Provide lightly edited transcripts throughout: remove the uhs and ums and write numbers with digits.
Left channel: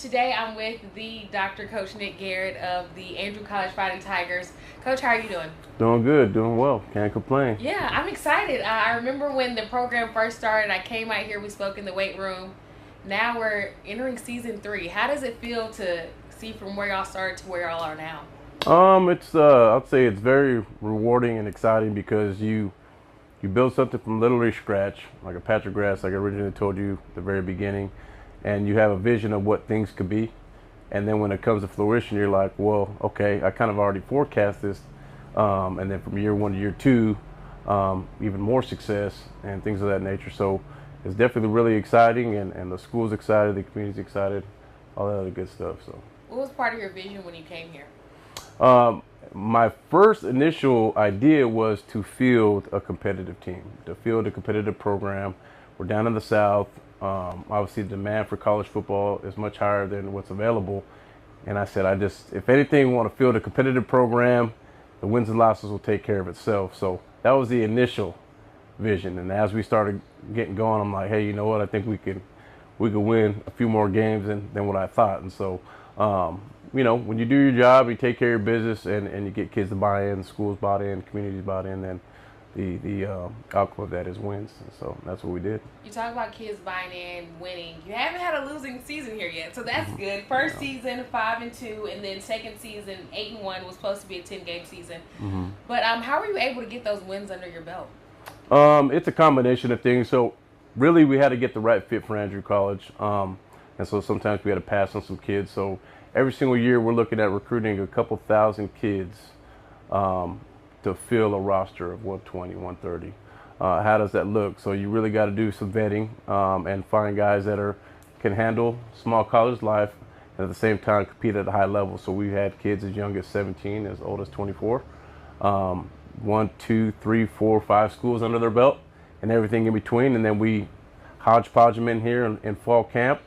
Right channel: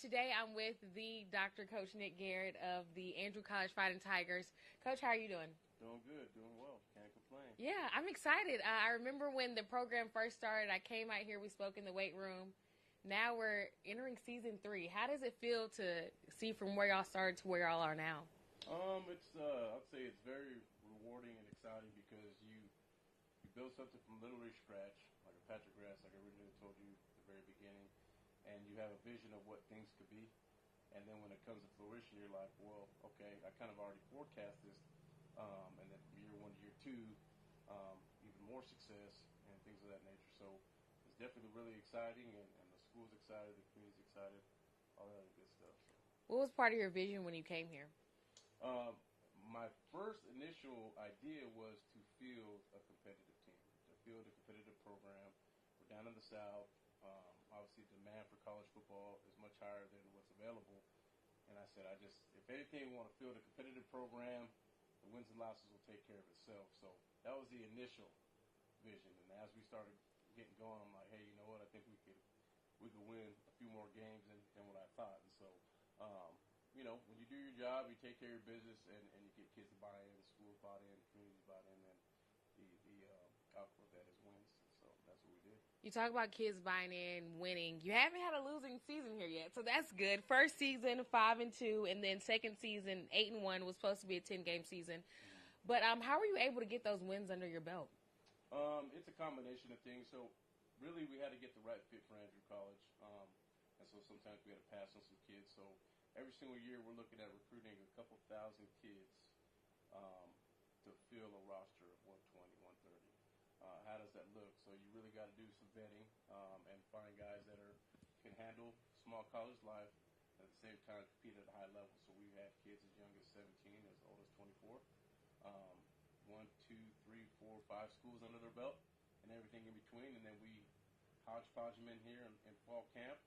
Today I'm with the Dr. Coach Nick Garrett of the Andrew College Fighting Tigers. Coach, how are you doing? Doing good, doing well. Can't complain. Yeah, I'm excited. I remember when the program first started, I came out here, we spoke in the weight room. Now we're entering season three. How does it feel to see from where y'all started to where y'all are now? It's I'd say it's very rewarding and exciting because you build something from literally scratch, like a patch of grass, like I originally told you at the very beginning, and you have a vision of what things could be. And then when it comes to fruition, you're like, well, okay, I kind of already forecast this. And then from year one to year two, even more success and things of that nature. So it's definitely really exciting, and the school's excited, the community's excited, all that other good stuff. So. What was part of your vision when you came here? Um, my first initial idea was to field a competitive team, to field a competitive program. We're down in the South. Obviously, the demand for college football is much higher than what's available. And I said, if anything, we want to field a competitive program. The wins and losses will take care of itself. So that was the initial vision. And as we started getting going, I'm like, hey, you know what? I think we could win a few more games than what I thought. And so, when you do your job, you take care of your business, and you get kids to buy in, schools bought in, communities bought in, then the outcome of that is wins. And so that's what we did. You talk about kids buying in, winning. You haven't had a losing season here yet, so that's good. First season 5-2, and then second season 8-1 was supposed to be a 10-game season. Mm-hmm. But how were you able to get those wins under your belt? It's a combination of things. So really, we had to get the right fit for Andrew College, and so sometimes we had to pass on some kids. So every single year, we're looking at recruiting a couple thousand kids um, to fill a roster of 120, 130. How does that look? So you really got to do some vetting and find guys that can handle small college life and at the same time compete at a high level. So we had kids as young as 17, as old as 24. Um, one, two, three, four, five schools under their belt and everything in between. And then we hodgepodge them in here in fall camp.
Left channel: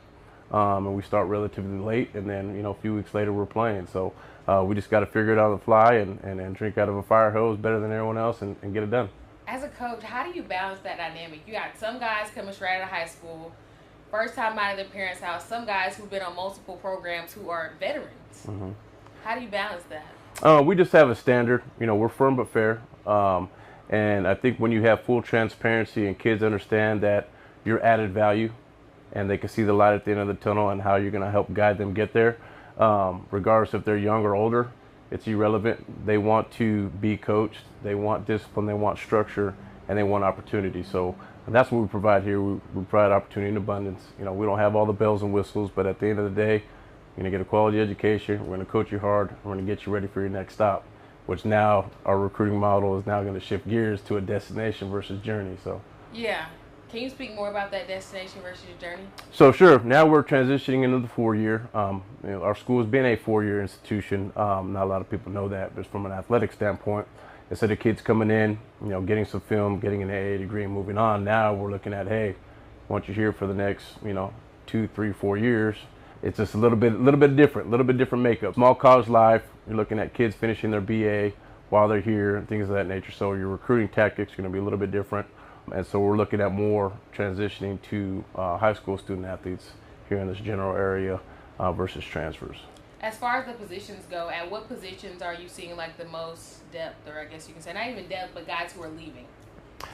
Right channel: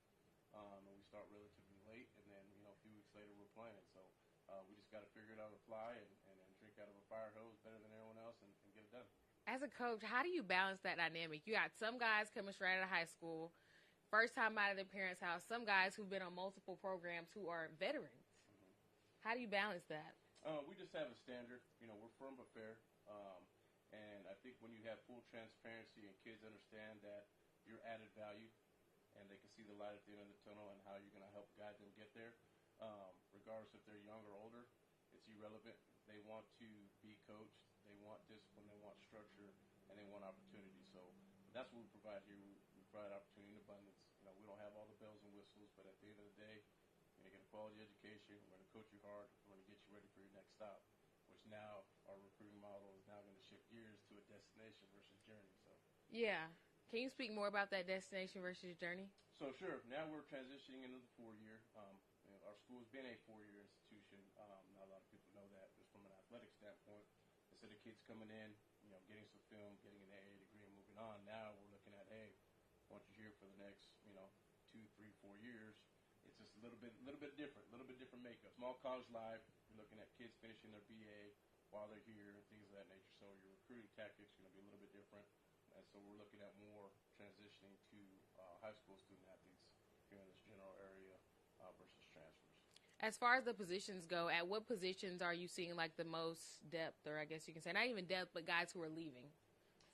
And we start relatively late, and then a few weeks later we're playing. So we just got to figure it out on the fly and drink out of a fire hose better than everyone else and get it done. As a coach, how do you balance that dynamic? You got some guys coming straight out of high school, first time out of their parents' house, some guys who've been on multiple programs who are veterans. Mm-hmm. How do you balance that? We just have a standard. We're firm but fair. And I think when you have full transparency and kids understand that you're added value and they can see the light at the end of the tunnel and how you're going to help guide them get there, regardless if they're young or older, it's irrelevant. They want to be coached. They want discipline. They want structure, and they want opportunity. So that's what we provide here. We provide opportunity in abundance. We don't have all the bells and whistles, but at the end of the day, you're going to get a quality education. We're going to coach you hard. We're going to get you ready for your next stop, which now our recruiting model is now going to shift gears to a destination versus journey. So Yeah. Can you speak more about that destination versus your journey? So sure, now we're transitioning into the 4 year. Our school has been a 4 year institution. Not a lot of people know that, but from an athletic standpoint, instead of kids coming in, getting some film, getting an AA degree, and moving on, now we're looking at, hey, once you're here for the next, 2, 3, 4 years, it's just a little bit different makeup. Small college life, you're looking at kids finishing their BA while they're here and things of that nature. So your recruiting tactics are going to be a little bit different. And so we're looking at more transitioning to high school student athletes here in this general area versus transfers. As far as the positions go, at what positions are you seeing like the most depth, or I guess you can say not even depth, but guys who are leaving?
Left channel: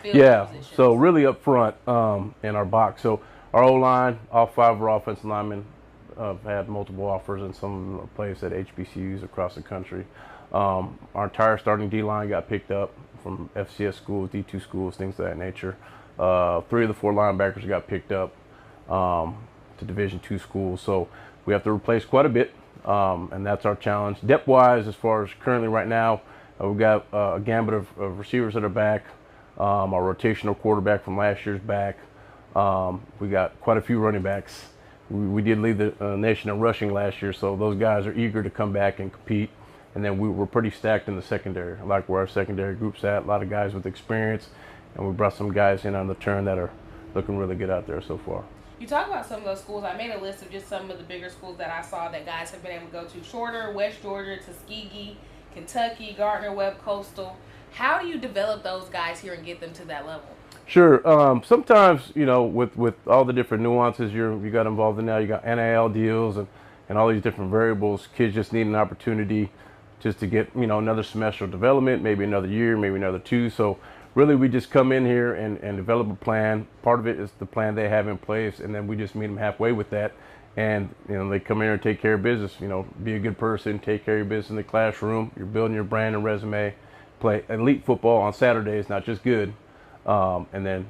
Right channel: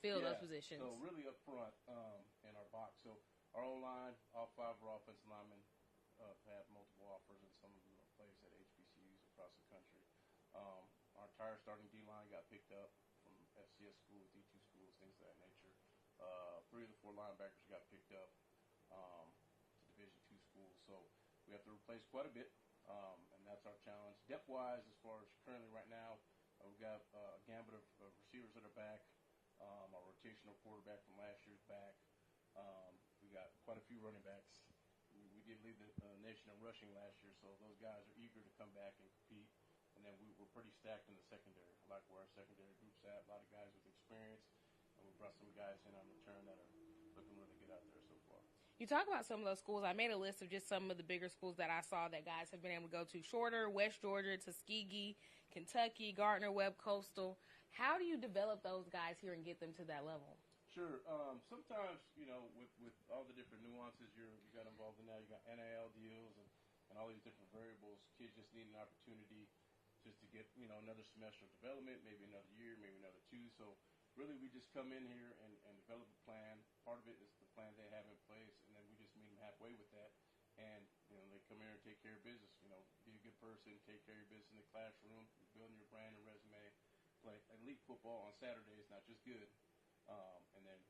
Yeah, Positions. so really up front in our box. So our O-line, all five of our offensive linemen have had multiple offers, and some of them are placed at HBCUs across the country. Our entire starting D-line got picked up from FCS schools, D2 schools, things of that nature. 3 of the 4 linebackers got picked up to Division II schools. So we have to replace quite a bit, and that's our challenge. Depth-wise, as far as currently right now, we've got a gambit of receivers that are back. Our rotational quarterback from last year's back. We got quite a few running backs. We did lead the nation in rushing last year, so those guys are eager to come back and compete. And then we were pretty stacked in the secondary. I like where our secondary group's at. A lot of guys with experience, and we brought some guys in on the turn that are looking really good out there so far. You talk about some of those schools. I made a list of just some of the bigger schools that I saw that guys have been able to go to. Shorter, West Georgia, Tuskegee, Kentucky, Gardner Webb, Coastal. How do you develop those guys here and get them to that level? Sure. Sometimes with all the different nuances you got involved in now, you got NIL deals and and all these different variables. Kids just need an opportunity just to get, another semester of development, maybe another year, maybe another two. So really we just come in here and develop a plan. Part of it is the plan they have in place, and then we just meet them halfway with that. And they come in here and take care of business. Be a good person, take care of your business in the classroom. You're building your brand and resume. Play elite football on Saturdays, not just good. And then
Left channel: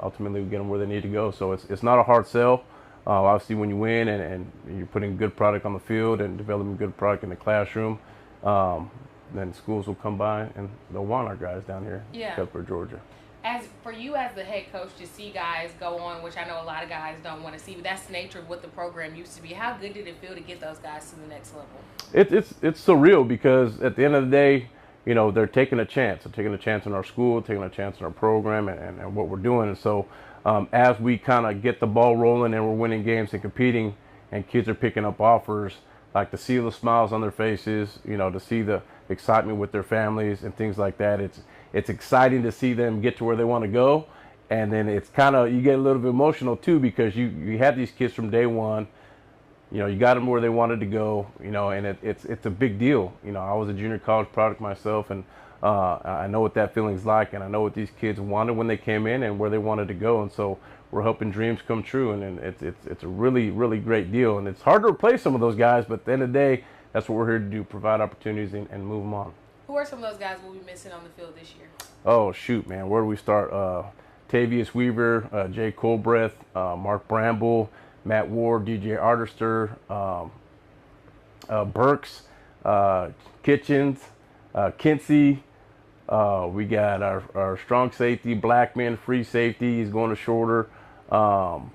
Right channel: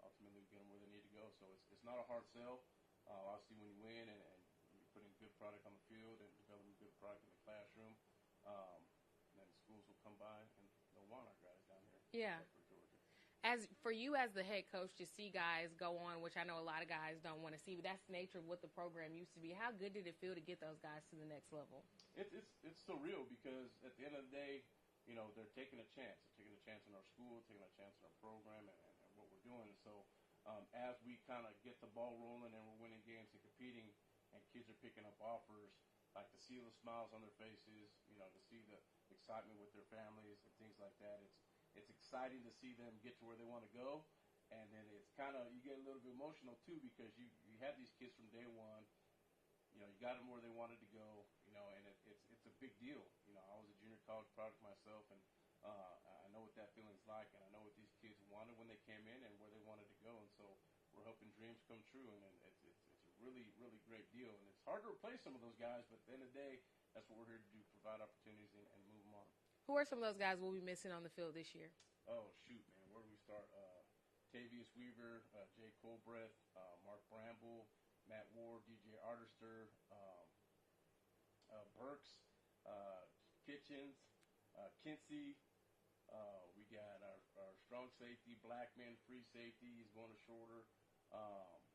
ultimately we get them where they need to go. So it's not a hard sell. Obviously, when you win and you're putting good product on the field and developing good product in the classroom, then schools will come by and they'll want our guys down here in Cuthbert, Georgia. As for you as the head coach to see guys go on, which I know a lot of guys don't want to see, but that's the nature of what the program used to be. How good did it feel to get those guys to the next level? It's surreal because at the end of the day, they're taking a chance. They're taking a chance in our school, taking a chance in our program and what we're doing. And so as we kind of get the ball rolling and we're winning games and competing and kids are picking up offers, like to see the smiles on their faces, to see the excitement with their families and things like that. It's exciting to see them get to where they want to go. And then it's kind of, you get a little bit emotional too, because you have these kids from day one, you got them where they wanted to go, and it's a big deal. I was a junior college product myself, and I know what that feeling's like, and I know what these kids wanted when they came in and where they wanted to go. And so we're helping dreams come true, and it's a really, really great deal. And it's hard to replace some of those guys, but at the end of the day, that's what we're here to do, provide opportunities and move them on. Who are some of those guys we'll be missing on the field this year? Oh, shoot, man. Where do we start? Tavius Weaver, Jay Colbreth, Mark Bramble, Matt Ward, DJ Artister, Burks, Kitchens, Kinsey. We got our strong safety, Blackman, free safety. He's going to shorter.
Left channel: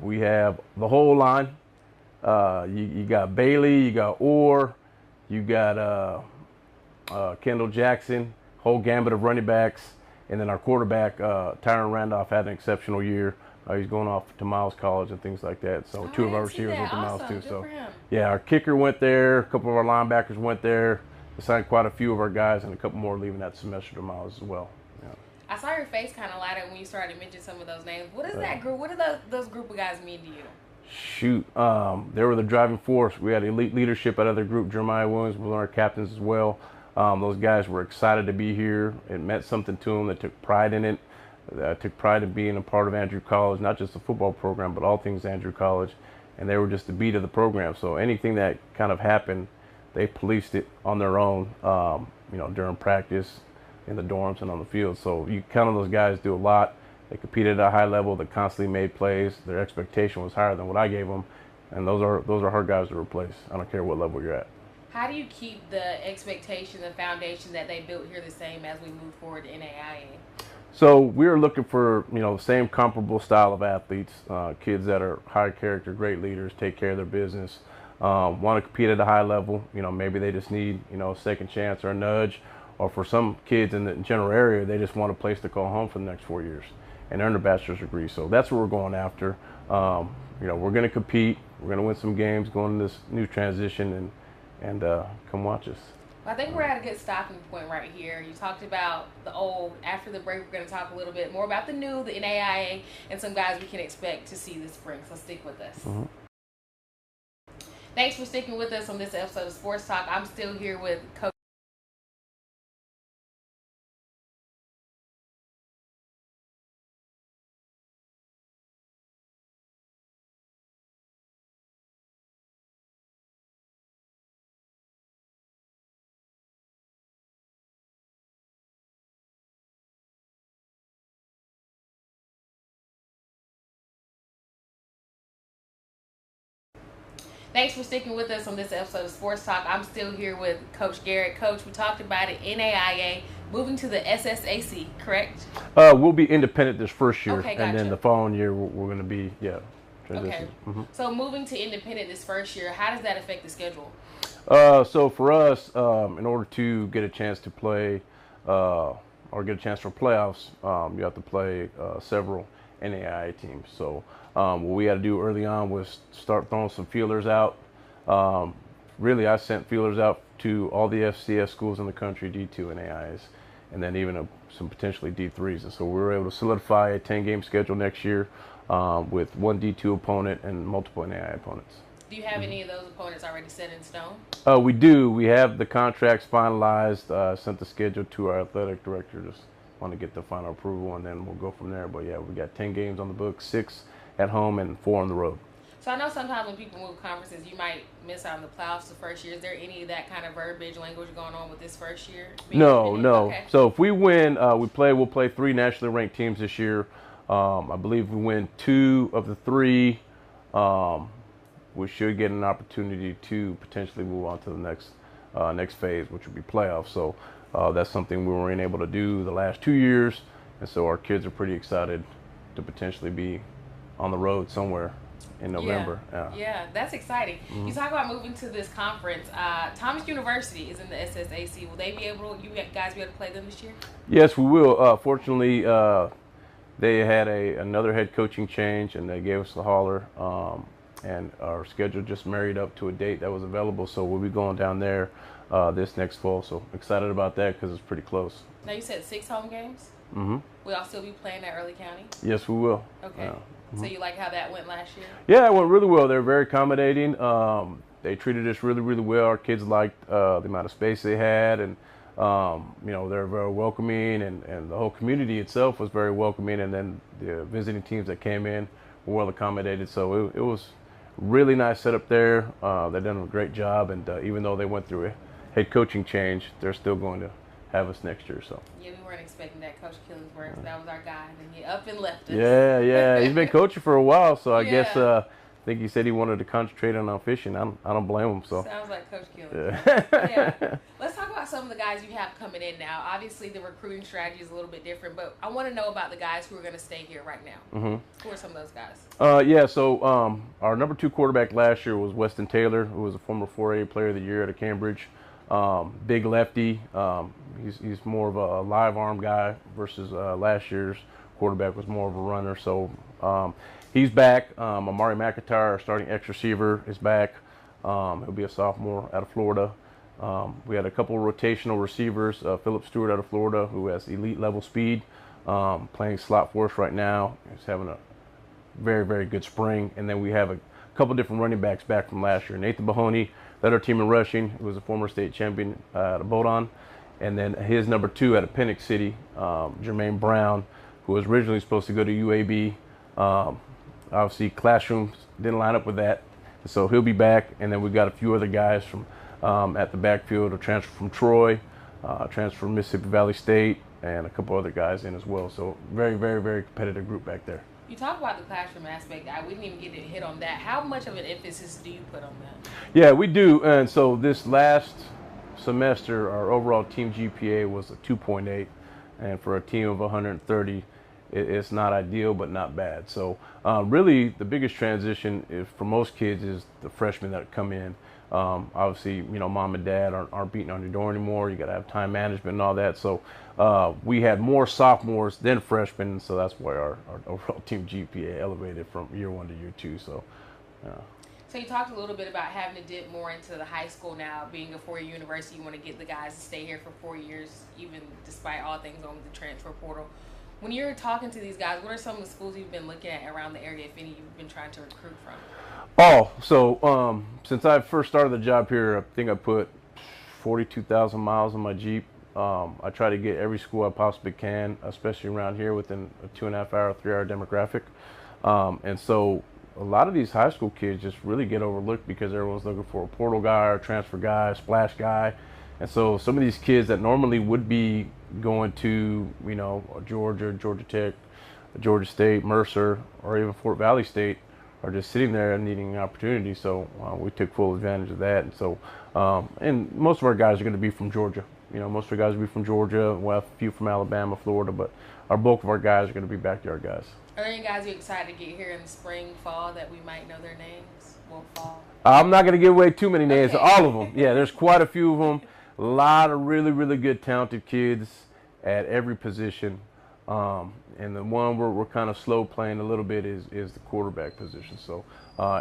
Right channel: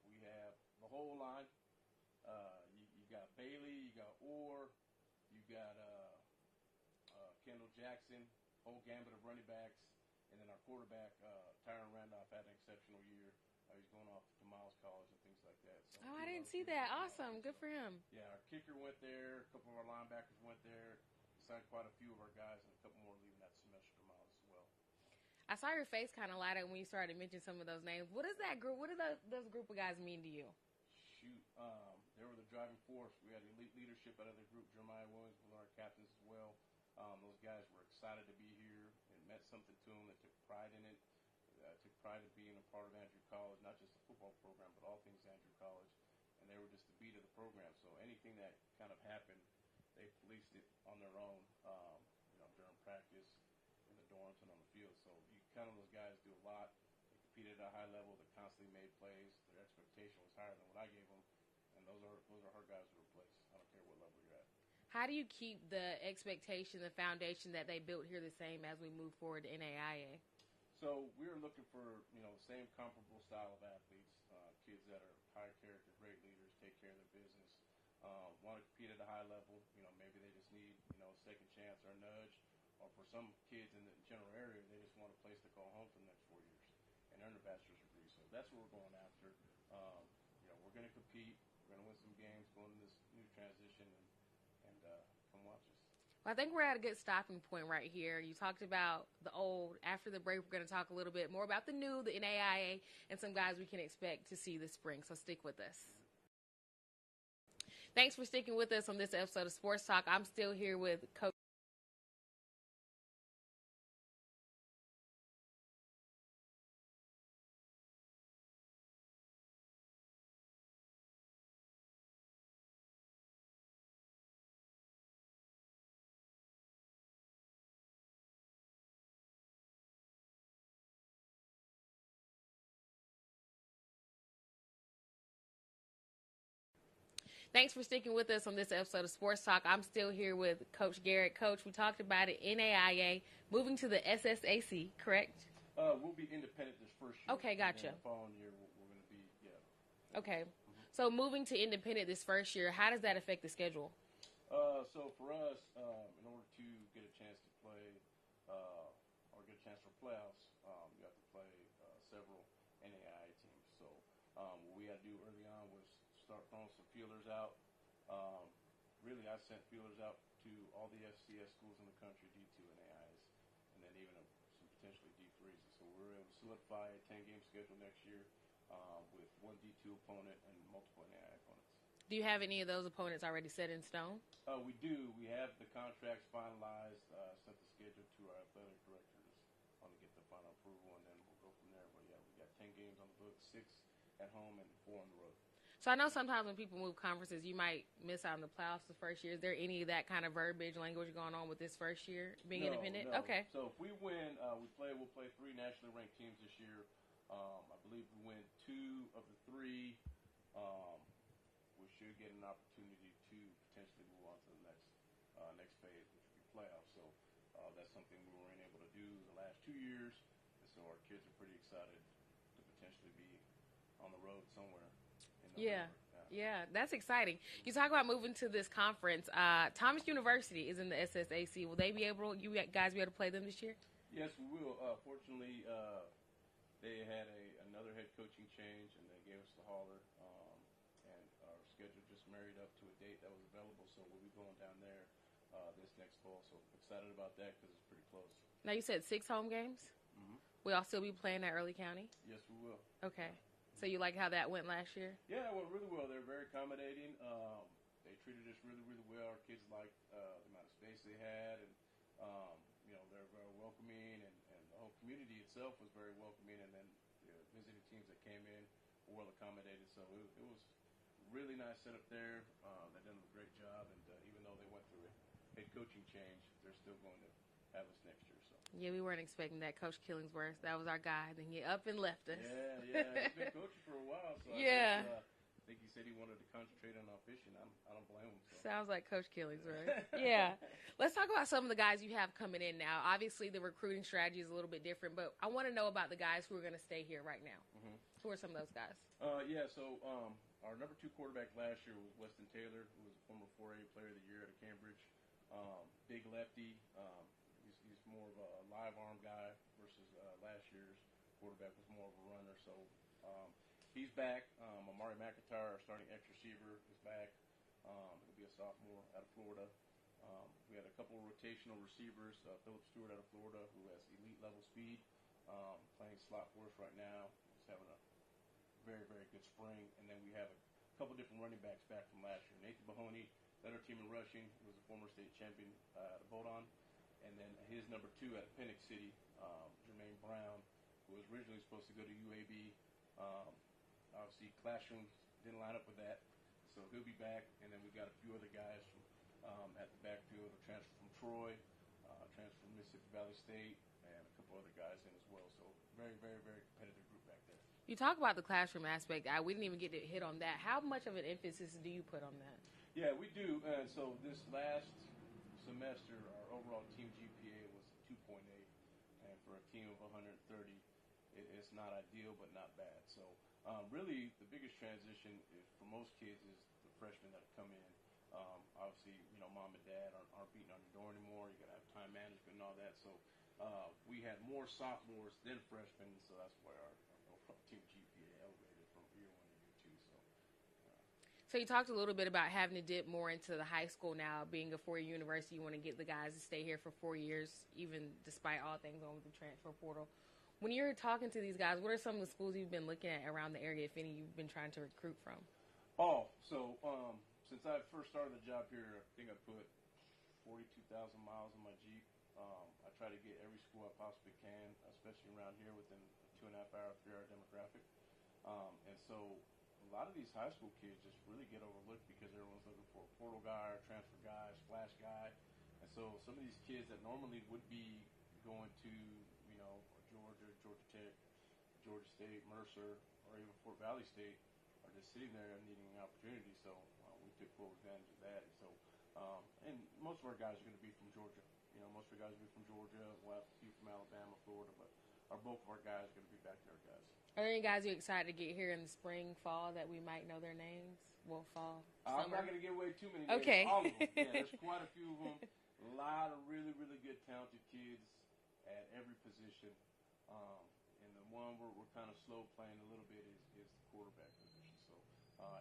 We have the whole line. You got Bailey, you got Orr, you got Kendall Jackson, whole gambit of running backs. And then our quarterback, Tyron Randolph, had an exceptional year. He's going off to Miles College and things like that. So two of our receivers went to Miles too. So yeah, our kicker went there. A couple of our linebackers went there. We signed quite a few of our guys, and a couple more leaving that semester to Miles as well. Yeah. I saw your face kind of light up when you started to mention some of those names. What is that group? What do those group of guys mean to you? Shoot, they were the driving force. We had elite leadership out of their group. Jeremiah Williams was one of our captains as well. Those guys were excited to be here. It meant something to them. They took pride in it. Took pride in being a part of Andrew College, not just the football program, but all things Andrew College. And they were just the beat of the program. So anything that kind of happened, they policed it on their own, during practice, in the dorms, and on the field. So you count on those guys do a lot. They competed at a high level. They constantly made plays. Their expectation was higher than what I gave them. And those are hard guys to replace. I don't care what level you're at. How do you keep the expectation, the foundation that they built here the same as we move forward to NAIA? So we're looking for, the same comparable style of athletes, kids that are high character, great leaders, take care of their business, want to compete at a high level. Maybe they just need, a second chance or a nudge, or for some kids in the general area, they just want a place to call home for the next 4 years and earn their bachelor's degree. So that's what we're going after. We're going to compete. We're going to win some games going into this new transition, and come watch us. I think we're at a good stopping point right here. You talked about the old. After the break, we're going to talk a little bit more about the new, the NAIA, and some guys we can expect to see this spring. So stick with us. Mm-hmm. Thanks for sticking with us on this episode of Sports Talk. I'm still here with Coach. Thanks for sticking with us on this episode of Sports Talk. I'm still here with Coach Garrett. Coach, we talked about it, NAIA moving to the SSAC, correct? We'll be independent this first year, okay, gotcha. And then the following year we're going to be, transition. Okay. Mm-hmm. So moving to independent this first year, how does that affect the schedule? So for us, in order to get a chance to play or get a chance for playoffs, you have to play several NAIA teams. So what we had to do early on was start throwing some feelers out. Really, I sent feelers out to all the FCS schools in the country, D2 and AIs, and then even some potentially D3s. And so we were able to solidify a 10-game schedule next year with one D2 opponent and multiple NAIA opponents. Do you have any of those opponents already set in stone? We do. We have the contracts finalized. Sent the schedule to our athletic director. Just want to get the final approval, and then we'll go from there. But yeah, we got 10 games on the books, 6 at home and 4 on the road. So I know sometimes when people move conferences, you might miss out on the playoffs the first year. Is there any of that kind of verbiage language going on with this first year? No. Okay. So if we win, we'll play 3 nationally ranked teams this year. I believe we win 2 of the 3. We should get an opportunity to potentially move on to the next phase, which would be playoffs. So that's something we weren't able to do the last 2 years, and so our kids are pretty excited to potentially be on the road somewhere in November. Yeah, that's exciting. You talk about moving to this conference. Thomas University is in the SSAC. Will they be able? You guys be able to play them this year? Yes, we will. Fortunately, they had another head coaching change, and they gave us the holler. And our schedule just married up to a date that was available, so we'll be going down there this next fall. So excited about that because it's pretty close. Now you said 6 home games. Mm-hmm. Will y'all still be playing at Early County? Yes, we will. Okay. So you like how that went last year? Yeah, it went really well. They're very accommodating. They treated us really, really well. Our kids liked the amount of space they had, and they're very welcoming, and the whole community itself was very welcoming. And then the visiting teams that came in were well accommodated. So it was really nice setup there. They've done a great job, and even though they went through a head coaching change, they're still going to have us next year. So yeah, we weren't expecting that. Coach Killingsworth, that was our guy, and then he up and left us. Yeah, he's been coaching for a while, so I guess I think he said he wanted to concentrate on fishing. I don't blame him. So sounds like Coach Killingsworth. Yeah. Let's talk about some of the guys you have coming in now. Obviously, the recruiting strategy is a little bit different, but I want to know about the guys who are going to stay here right now. Mm-hmm. Who are some of those guys? So our number 2 quarterback last year was Weston Taylor, who was a former 4A Player of the Year out of Cambridge. Big lefty. He's more of a live arm guy versus last year's quarterback was more of a runner. So he's back. Amari McIntyre, our starting X receiver, is back. He'll be a sophomore out of Florida. We had a couple of rotational receivers. Philip Stewart out of Florida, who has elite level speed, playing slot for us right now. He's having a very, very good spring. And then we have a couple different running backs back from last year. Nathan Mahoney led our team in rushing, who was a former state champion out of Bowdoin. And then his number 2 out of Pennock City, Jermaine Brown, who was originally supposed to go to UAB. Obviously, classrooms didn't line up with that. So he'll be back. And then we've got a few other guys from at the backfield, a transfer from Troy, transfer from Mississippi Valley State, and a couple other guys in as well. So very, very, very competitive group back there. You talk about the classroom aspect. We didn't even get to hit on that. How much of an emphasis do you put on that? Yeah, we do. And so this last semester, our overall team GPA was a 2.8. And for a team of 130, it's not ideal, but not bad. So really the biggest transition is, for most kids, is the freshmen that come in. Obviously, mom and dad aren't beating on your door anymore. You got to have time management and all that. So we had more sophomores than freshmen, so that's why our overall team GPA elevated from year 1 to year 2. So you talked a little bit about having to dip more into the high school now. Being a 4-year university, you want to get the guys to stay here for 4 years, even despite all things on the transfer portal. When you're talking to these guys, what are some of the schools you've been looking at around the area, if any, you've been trying to recruit from? So since I first started the job here, I think I put 42,000 miles on my Jeep. I try to get every school I possibly can, especially around here within a 2.5 hour, 3 hour demographic. And so a lot of these high school kids just really get overlooked because everyone's looking for a portal guy or transfer guy, splash guy. And so some of these kids that normally would be going to, Georgia, Georgia Tech, Georgia State, Mercer, or even Fort Valley State are just sitting there and needing an opportunity. So we took full advantage of that. And so, and most of our guys are going to be from Georgia. Most of our guys will be from Georgia. We'll have a few from Alabama, Florida, but our bulk of our guys are going to be backyard guys. Are there any guys you're excited to get here in the spring, fall, that we might know their names? Well, fall. I'm not going to give away too many names. Okay. All of them. Yeah, there's quite a few of them. A lot of really, really good, talented kids at every position. And the one we're kind of slow playing a little bit is the quarterback position. So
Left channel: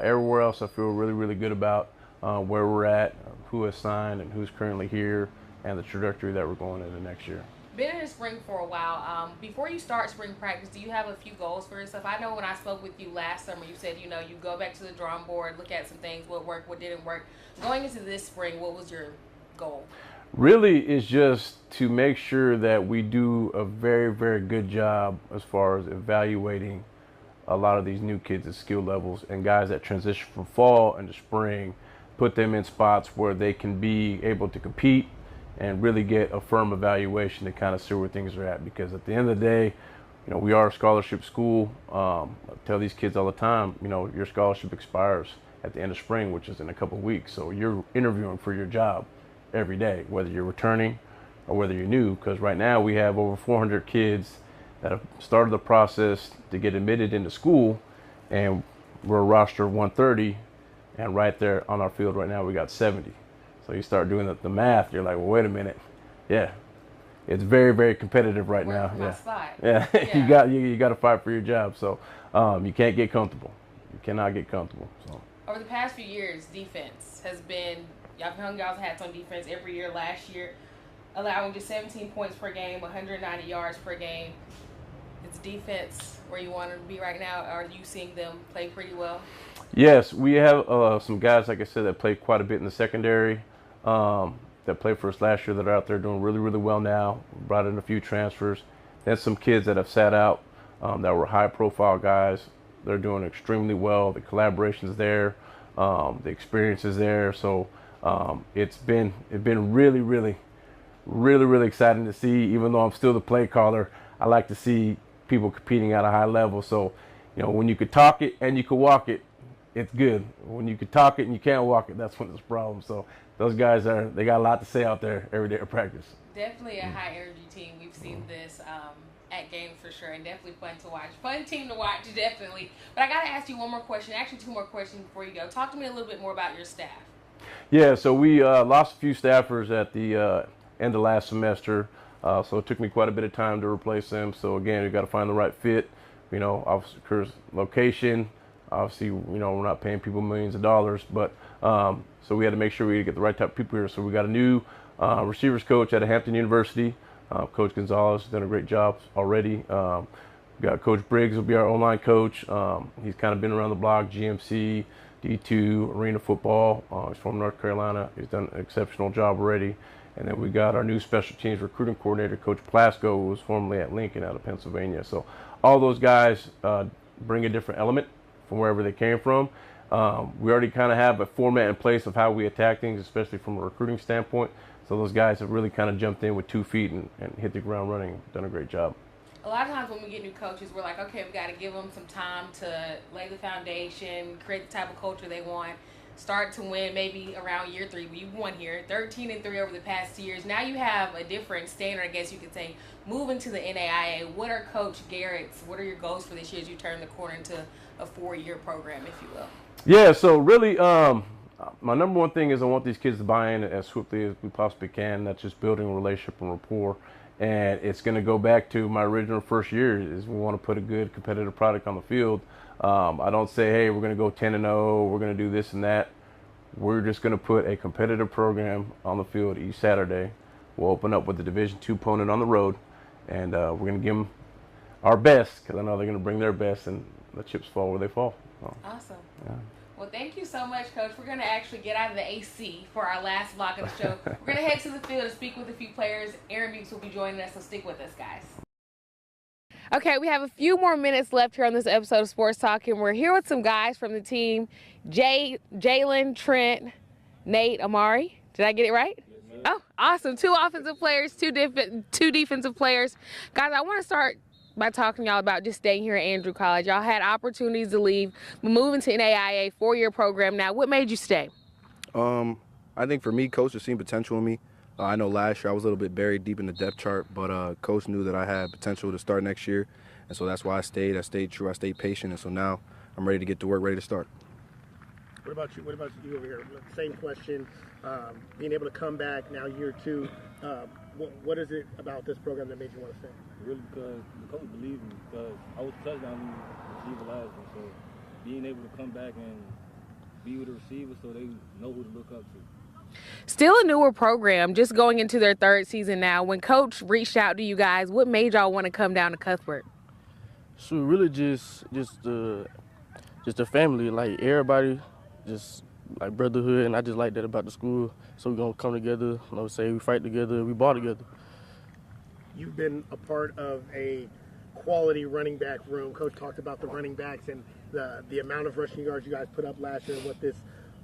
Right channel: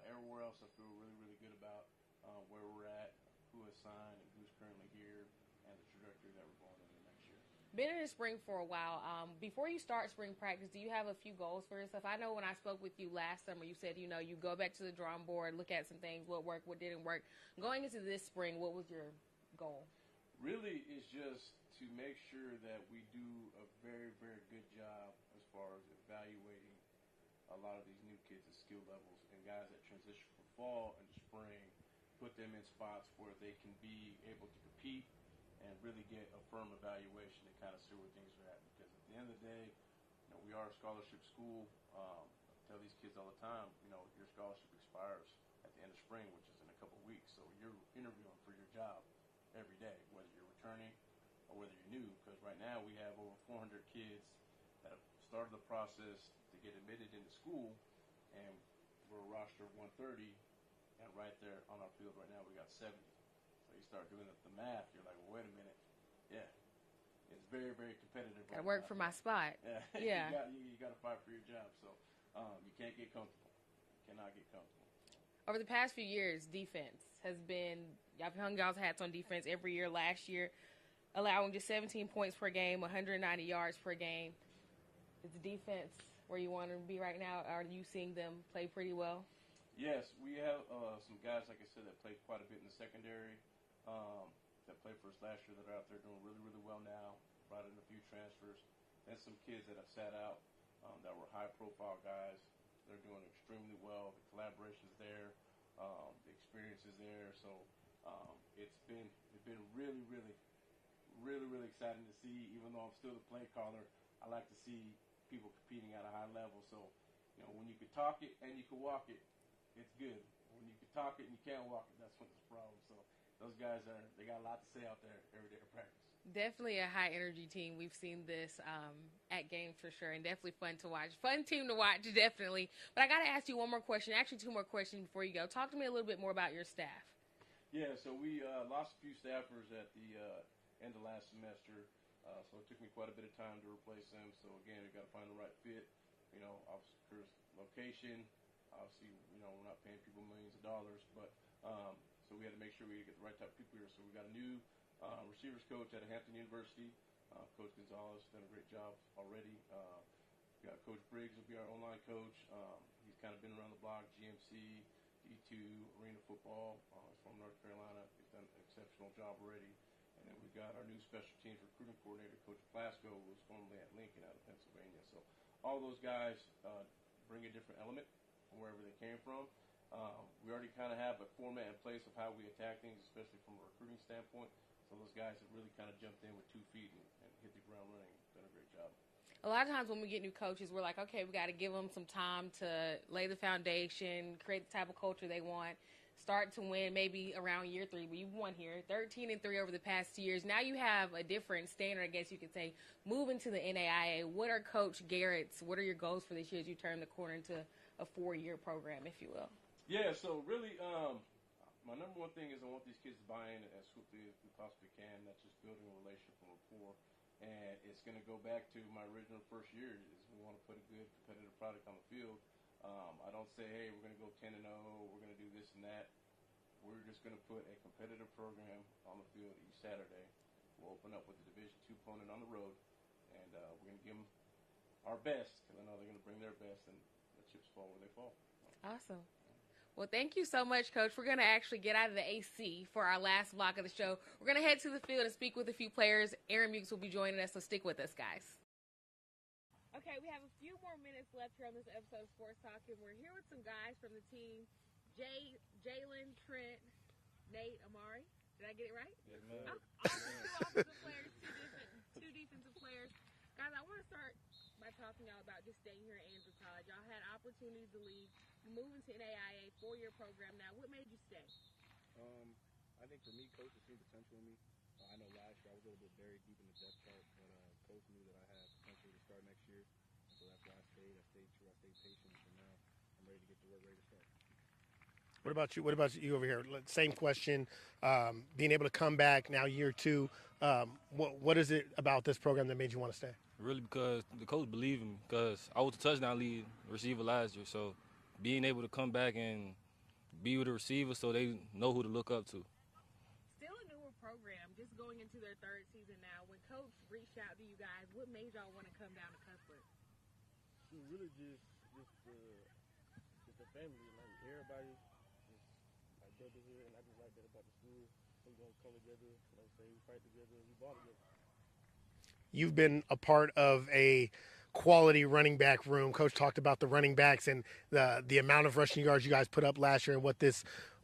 everywhere else I feel really, really good about where we're at, who has signed and who's currently here, and the trajectory that we're going into next year. Been in the spring for a while. Before you start spring practice, do you have a few goals for yourself? I know when I spoke with you last summer, you said, you go back to the drawing board, look at some things, what worked, what didn't work. Going into this spring, what was your goal? Really, it's just to make sure that we do a very, very good job as far as evaluating a lot of these new kids at skill levels and guys that transition from fall into spring, put them in spots where they can be able to compete and really get a firm evaluation to kind of see where things are at. Because at the end of the day, we are a scholarship school. I tell these kids all the time, your scholarship expires at the end of spring, which is in a couple of weeks. So you're interviewing for your job every day, whether you're returning or whether you're new. Because right now we have over 400 kids that have started the process to get admitted into school, and we're a roster of 130, and right there on our field right now we got 70. So you start doing the math, you're like, well, wait a minute, yeah, it's very, very competitive right now. For my spot. Yeah, Yeah. you got to fight for your job. So you can't get comfortable. You cannot get comfortable. So Over the past few years, defense has been, y'all hung y'all's hats on defense every year. Last year, allowing just 17 points per game, 190 yards per game. Is defense where you want to be right now? Are you seeing them play pretty well? yes, we have some guys, like I said, that played quite a bit in the secondary, that played for us last year that are out there doing really, really well now. Brought in a few transfers. Then some kids that have sat out, that were high-profile guys. They're doing extremely well. The collaboration's there, the experience is there. So it's been really, really, really, really exciting to see. Even though I'm still the play caller, I like to see people competing at a high level. So, when you could talk it and you could walk it, it's good. When you could talk it and you can't walk it, that's when it's a problem. So those guys they got a lot to say out there every day of practice. Definitely a high energy team. We've seen this at games for sure, and definitely fun to watch. Fun team to watch, definitely. But I got to ask you one more question. Actually, two more questions before you go. Talk to me a little bit more about your staff. Yeah, so we lost a few staffers at the end of last semester. So it took me quite a bit of time to replace them. So again, you got to find the right fit. Obviously, location. Obviously, we're not paying people millions of dollars, but so we had to make sure we get the right type of people here. So we got a new receivers coach at Hampton University. Coach Gonzalez has done a great job already. We got Coach Briggs will be our online coach. He's kind of been around the block, GMC, D2, arena football. He's from North Carolina. He's done an exceptional job already. And then we got our new special teams recruiting coordinator, Coach Plasko, who was formerly at Lincoln out of Pennsylvania. So all those guys bring a different element from wherever they came from. We already kind of have a format in place of how we attack things, especially from a recruiting standpoint. So those guys have really kind of jumped in with 2 feet and hit the ground running. Done a great job. A lot of times when we get new coaches, we're like, okay, we got to give them some time to lay the foundation, create the type of culture they want, start to win maybe around year 3. You won here, 13-3 over the past 2 years. Now you have a different standard, I guess you could say, moving to the NAIA. What are Coach Garrett's, what are your goals for this year as you turn the corner into a 4-year program, if you will? Yeah, so really, my number one thing is I want these kids to buy in as swiftly as we possibly can. That's just building a relationship and rapport. And it's going to go back to my original first year is we want to put a good competitive product on the field. I don't say, hey, we're going to go 10-0, we're going to do this and that. We're just going to put a competitive program on the field each Saturday. We'll open up with the Division II opponent on the road, and we're going to give them our best because I know they're going to bring their best, and the chips fall where they fall. So, awesome. Yeah. Well, thank you so much, Coach. We're going to actually get out of the AC for our last block of the show. We're going to head to the field and speak with a few players. Aaron Bukes will be joining us, so stick with us, guys. Okay, we have a few more minutes left here on this episode of Sports Talk, and we're here with some guys from the team. Jalen, Trent, Nate, Amari. Did I get it right? Oh, awesome. 2 offensive players, 2 defensive players. Guys, I want to start by talking to y'all about just staying here at Andrew College. Y'all had opportunities to leave, but moving to NAIA, 4-year program now. What made you stay? I think for me, Coach has seen potential in me. I know last year I was a little bit buried deep in the depth chart, but Coach knew that I had potential to start next year, and so that's why I stayed. I stayed true. I stayed patient, and so now I'm ready to get to work, ready to start. What about you? What about you over here? Same question. Being able to come back now year 2, what is it about this program that made you want to stay? Really, because the coach believed in me. Because I was a touchdown lead receiver last year, so being able to come back and be with the receiver so they know who to look up to. Still a newer program, just going into their third season now. When Coach reached out to you guys, what made y'all want to come down to Cuthbert? So really just the family, like everybody, just like brotherhood, and I just like that about the school. So we're gonna come together, say we fight together, we ball together. You've been a part of a quality running back room. Coach talked about the running backs and the amount of rushing yards you guys put up last year and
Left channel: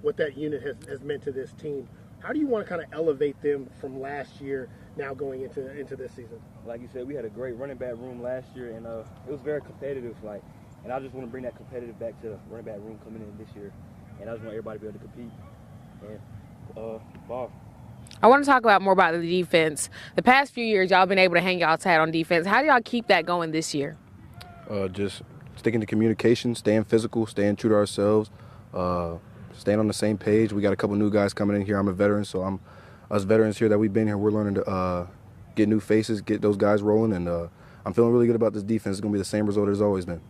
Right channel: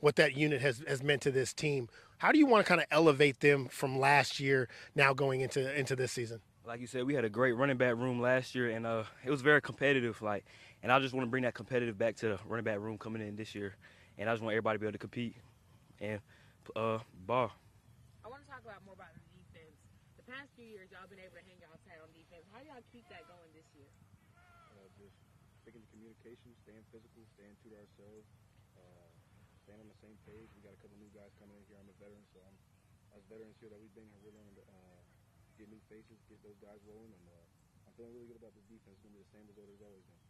what that unit has meant to this team. How do you want to kind of elevate them from last year now going into this season? Like you said, we had a great running back room last year, and it was very competitive. And I just want to bring that competitive back to the running back room coming in this year. And I just want everybody to be able to compete and ball. I want to talk more about the defense. The past few years, y'all been able to hang y'all's hat on defense. How do y'all keep that going this year? Just sticking to communication, staying physical, staying true to ourselves, staying on the same page. We got a couple new guys coming in here. I'm a veteran, so us veterans here that we've been here, we're learning to get new faces, get those guys rolling, and I'm feeling really good about this defense. It's going to be the same result it's always been.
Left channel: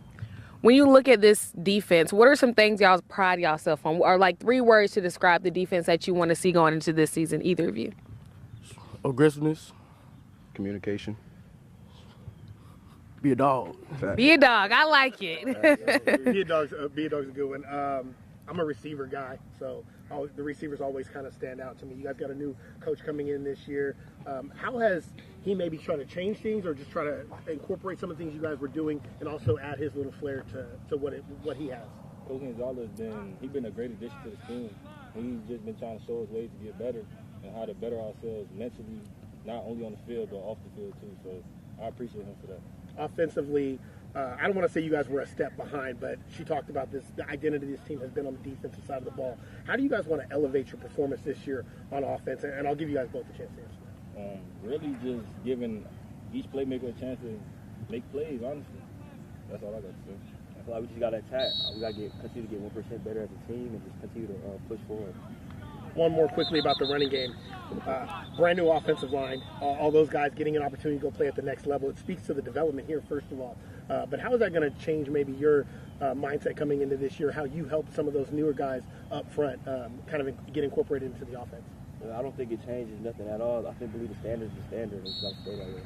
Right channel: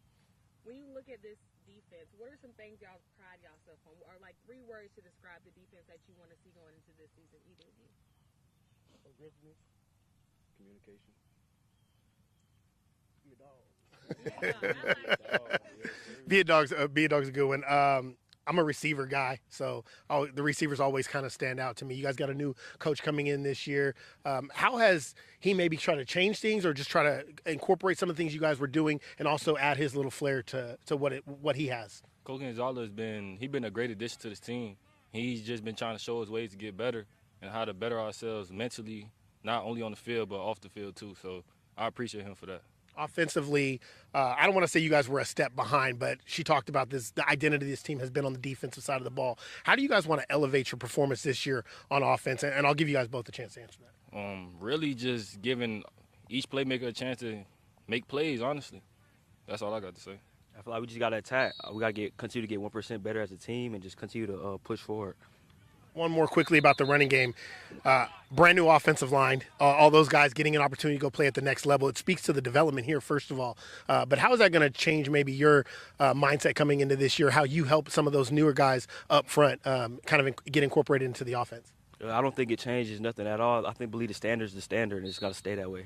When you look at this defense, what are some things y'all pride yourself on? Or like 3 words to describe the defense that you want to see going into this season, either of you? Aggressiveness. Communication. Be a dog. Be a dog. I like it. Be a dog's a good one. I'm a receiver guy, so the receivers always kind of stand out to me. You guys got a new coach coming in this year. How has he maybe tried to change things or just try to incorporate some of the things you guys were doing and also add his little flair to what he has? Coach Gonzalez been a great addition to this team. He's just been trying to show us ways to get better and how to better ourselves mentally, not only on the field but off the field too. So I appreciate him for that. Offensively, I don't want to say you guys were a step behind, but she talked about the identity this team has been on the defensive side of the ball. How do you guys want to elevate your performance this year on offense? And I'll give you guys both a chance to answer that. Really just giving each playmaker a chance to make plays, honestly. That's all I got to say. I feel like we just got to attack. We got to continue to get 1% better as a team and just continue to push forward. One more quickly about the running game. Brand new offensive line, all those guys getting an opportunity to go play at the next level. It speaks to the development here, first of all. But how is that going to change maybe your mindset coming into this year, how you help some of those newer guys up front kind of get incorporated into the offense? I don't think it changes nothing at all. I believe the standard is the standard, and it's got to stay that way.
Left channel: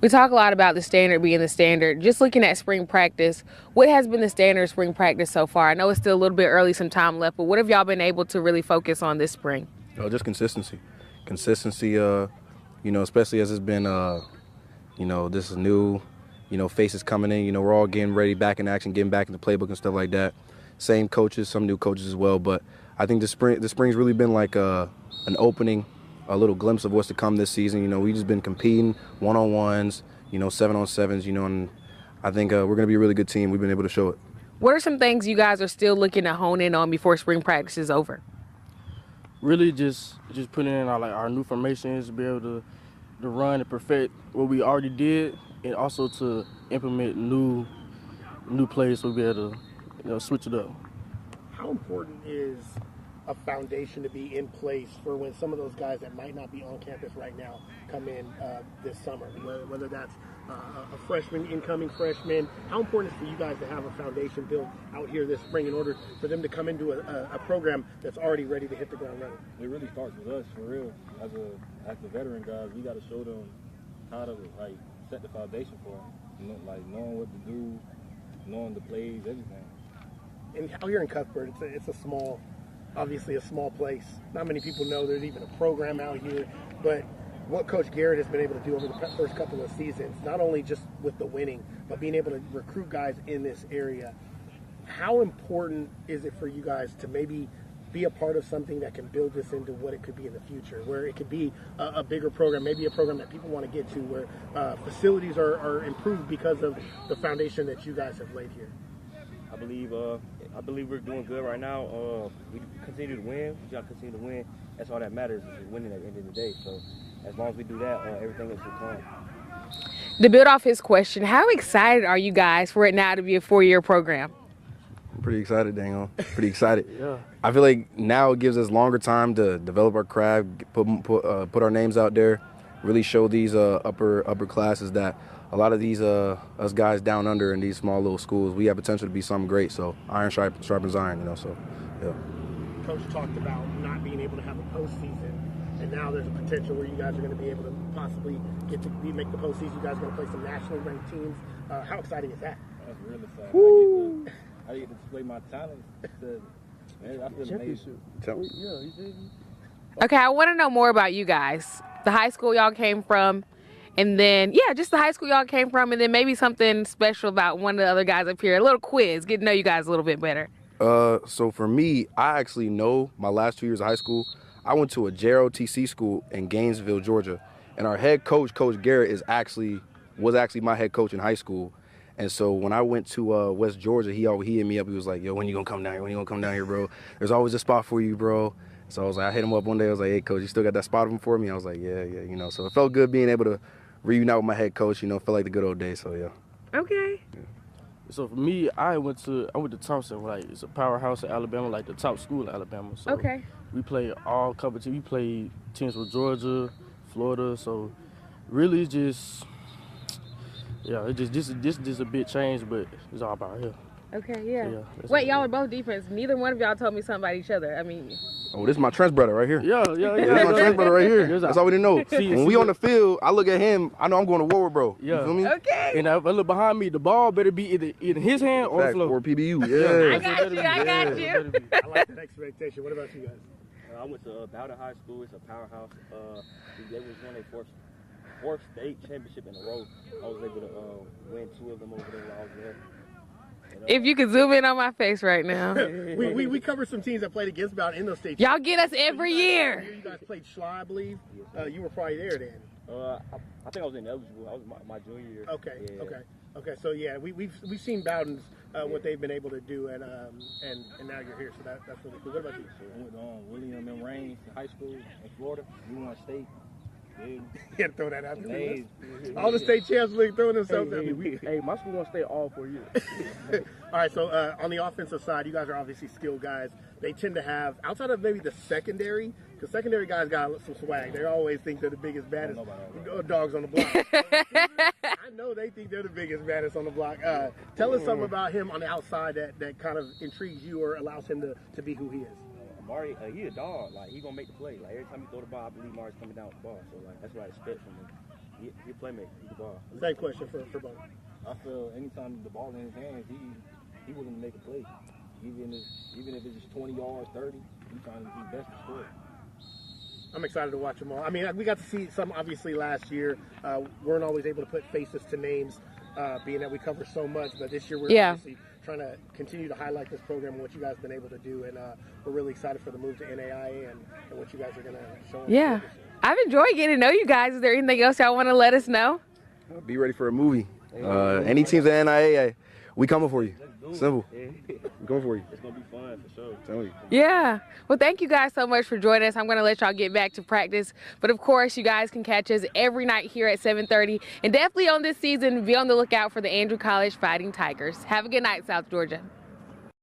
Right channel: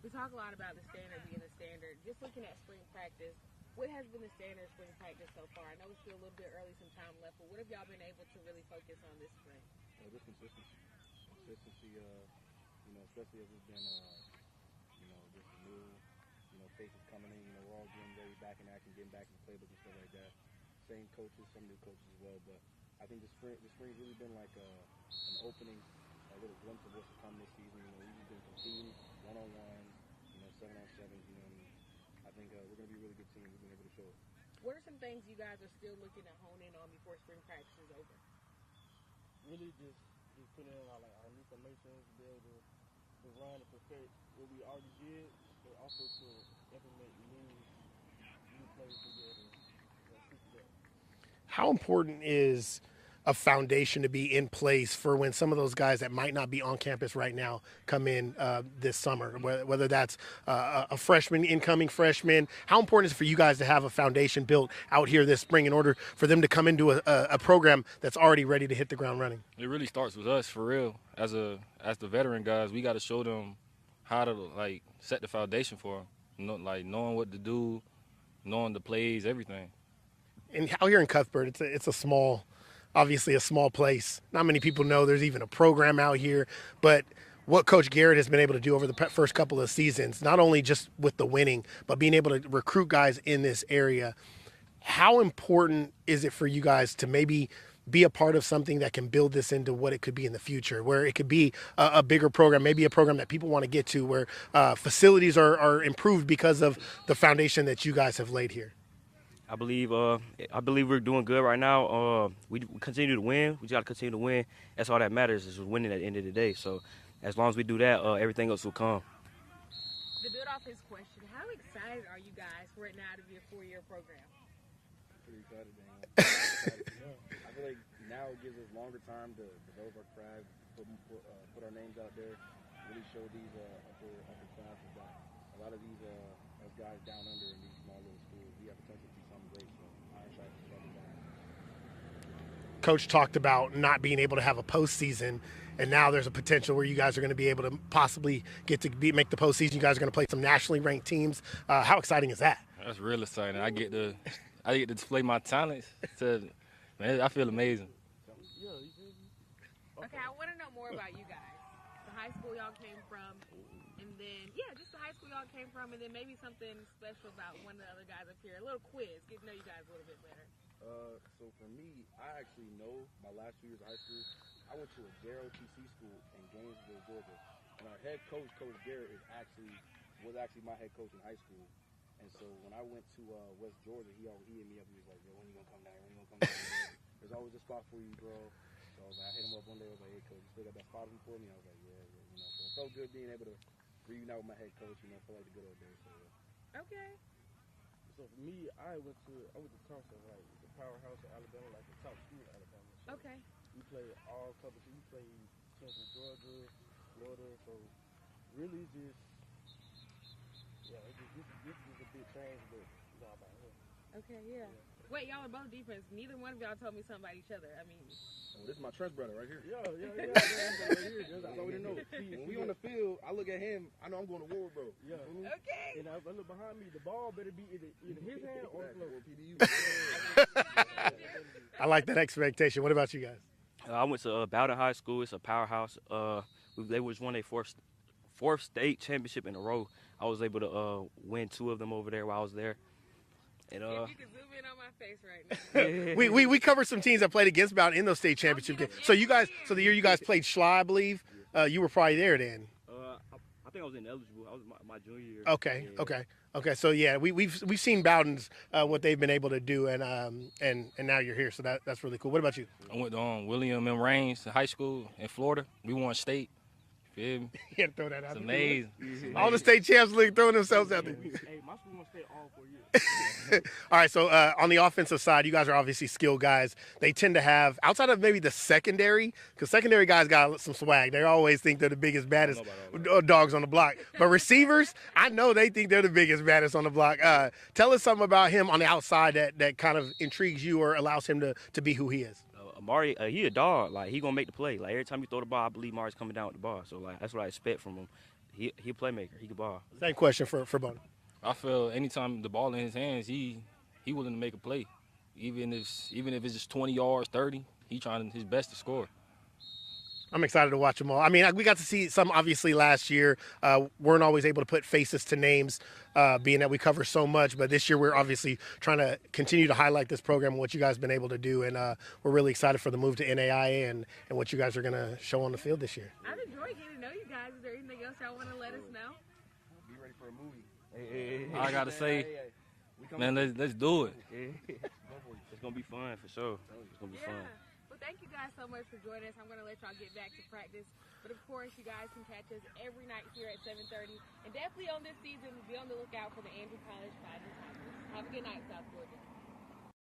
We talk a lot about the standard being the standard. Just looking at spring practice, what has been the standard of spring practice so far? I know it's still a little bit early, some time left, but what have y'all been able to really focus on this spring? Just consistency. Consistency, especially as it's been, this is new, faces coming in. We're all getting ready, back in action, getting back in the playbook and stuff like that. Same coaches, some new coaches as well. But I think the spring's really been like an opening, a little glimpse of what's to come this season. We've just been competing one-on-ones, 7-on-7s, and I think we're going to be a really good team. We've been able to show it. What are some things you guys are still looking to hone in on before spring practice is over? Really just putting in our new formations to be able to run and perfect what we already did, and also to implement new plays so we'll be able to switch it up. How important is a foundation to be in place for when some of those guys that might not be on campus right now come in this summer, whether that's a freshman, incoming freshman? How important is it for you guys to have a foundation built out here this spring in order for them to come into a program that's already ready to hit the ground running? It really starts with us, for real. As the veteran guys, we got to show them how to set the foundation for them, knowing what to do, knowing the plays, everything. And out here in Cuthbert, it's obviously a small place. Not many people know there's even a program out here, but what Coach Garrett has been able to do over the first couple of seasons, not only just with the winning, but being able to recruit guys in this area. How important is it for you guys to maybe be a part of something that can build this into what it could be in the future, where it could be a bigger program, maybe a program that people want to get to, where facilities are improved because of the foundation that you guys have laid here? I believe we're doing good right now. We continue to win. We just got to continue to win. That's all that matters, is winning at the end of the day. So as long as we do that, everything else will come. To build off his question, how excited are you guys for it now to be a 4-year program? I'm pretty excited, Dango. Pretty excited. Yeah. I feel like now it gives us longer time to develop our craft, put our names out there, really show these upper classes that a lot of these us guys down under in these small little schools, we have potential to be something great. So iron sharpens iron, so yeah. Coach talked about not being able to have a postseason, and now there's a potential where you guys are going to be able to possibly make the postseason. You guys are going to play some nationally ranked teams. How exciting is that? That's real exciting. I get to display my talents. Man, I feel amazing. Okay, I want to know more about you guys. The high school y'all came from, and then, just the high school y'all came from, and then maybe something special about one of the other guys up here. A little quiz, get to know you guys a little bit better. So for me, I actually know my last 2 years of high school. I went to a JROTC school in Gainesville, Georgia, and our head coach, Coach Garrett, was actually my head coach in high school. And so when I went to West Georgia, he hit me up. He was like, "Yo, when you gonna come down here? When you gonna come down here, bro? There's always a spot for you, bro." So I was like, I hit him up one day. I was like, "Hey, coach, you still got that spot open for me?" I was like, "Yeah, you know." So it felt good being able to reunite with my head coach. You know, felt like the good old days. So yeah. Okay. Yeah. So for me, I went to Thompson. Like, it's a powerhouse in Alabama, like the top school in Alabama. So Okay. we played all competition. We played teams with Georgia, Florida. So really, just this a big change, but it's all about here. Okay, yeah. that's Wait, it. y'all are both defense. Neither one of y'all told me something about each other. I mean, Oh, this is my trench brother right here. Yeah. This is my trench brother right here. There's That's all we didn't know. See, When we on the field, I look at him. I know I'm going to war with bro. Yeah. You feel me? okay. And if I look behind me, the ball better be either in his hand or the Fact, floor. or PBU. I Yeah. got you. I like that expectation. What about you guys? I went to Bowden High School. It's a powerhouse. They was won a fourth state championship in a row. I was able to win 2 of them over there while I was there. And, If you could zoom in on my face right now. We covered some teams that played against Bowden in those state Y'all championships. get us So you every guys, year. So the year you guys played Schla, I believe, you were probably there then. I think I was ineligible. I was my junior year. Okay, Yeah. okay. So yeah, we've seen Bowden's what they've been able to do, and now you're here, so that's really cool. What about you? I went to William M. Raines High School in Florida. We won state. Yeah, Yeah, throw that out. it's amazing. All the state champs league throwing themselves out there. Hey, my school gonna stay all 4 years. All right, so on the offensive side, you guys are obviously skilled guys. They tend to have, outside of maybe the secondary, because secondary guys got some swag. They always think they're the biggest, baddest dogs on the block. But receivers, I know they think they're the biggest, baddest on the block. Tell us something about him on the outside that kind of intrigues you or allows him to be who he is. Amari, he a dog. Like, he gonna make the play. Like, every time you throw the ball, I believe Amari's coming down with the ball. So, like, that's what I expect from him. He a playmaker. He can ball. Same question for Bowden. I feel anytime the ball in his hands, he willing to make a play. Even if it's just 20 yards, 30, he trying his best to score. I'm excited to watch them all. I mean, we got to see some obviously last year. Weren't always able to put faces to names, being that we cover so much. But this year we're obviously trying to continue to highlight this program and what you guys have been able to do. And we're really excited for the move to NAIA and what you guys are going to show on the field this year. I've enjoyed getting to know you guys. Is there anything else y'all want to let us know? Be ready for a movie. Any teams at NAIA, we coming for you. Let's do it. Simple. We coming for you. It's gonna be fun for sure. Tell you. Yeah. Well, thank you guys so much for joining us. I'm going to let y'all get back to practice. But, of course, you guys can catch us every night here at 7:30. And definitely on this season, be on the lookout for the Andrew College Fighting Tigers. Have a good night, South Georgia.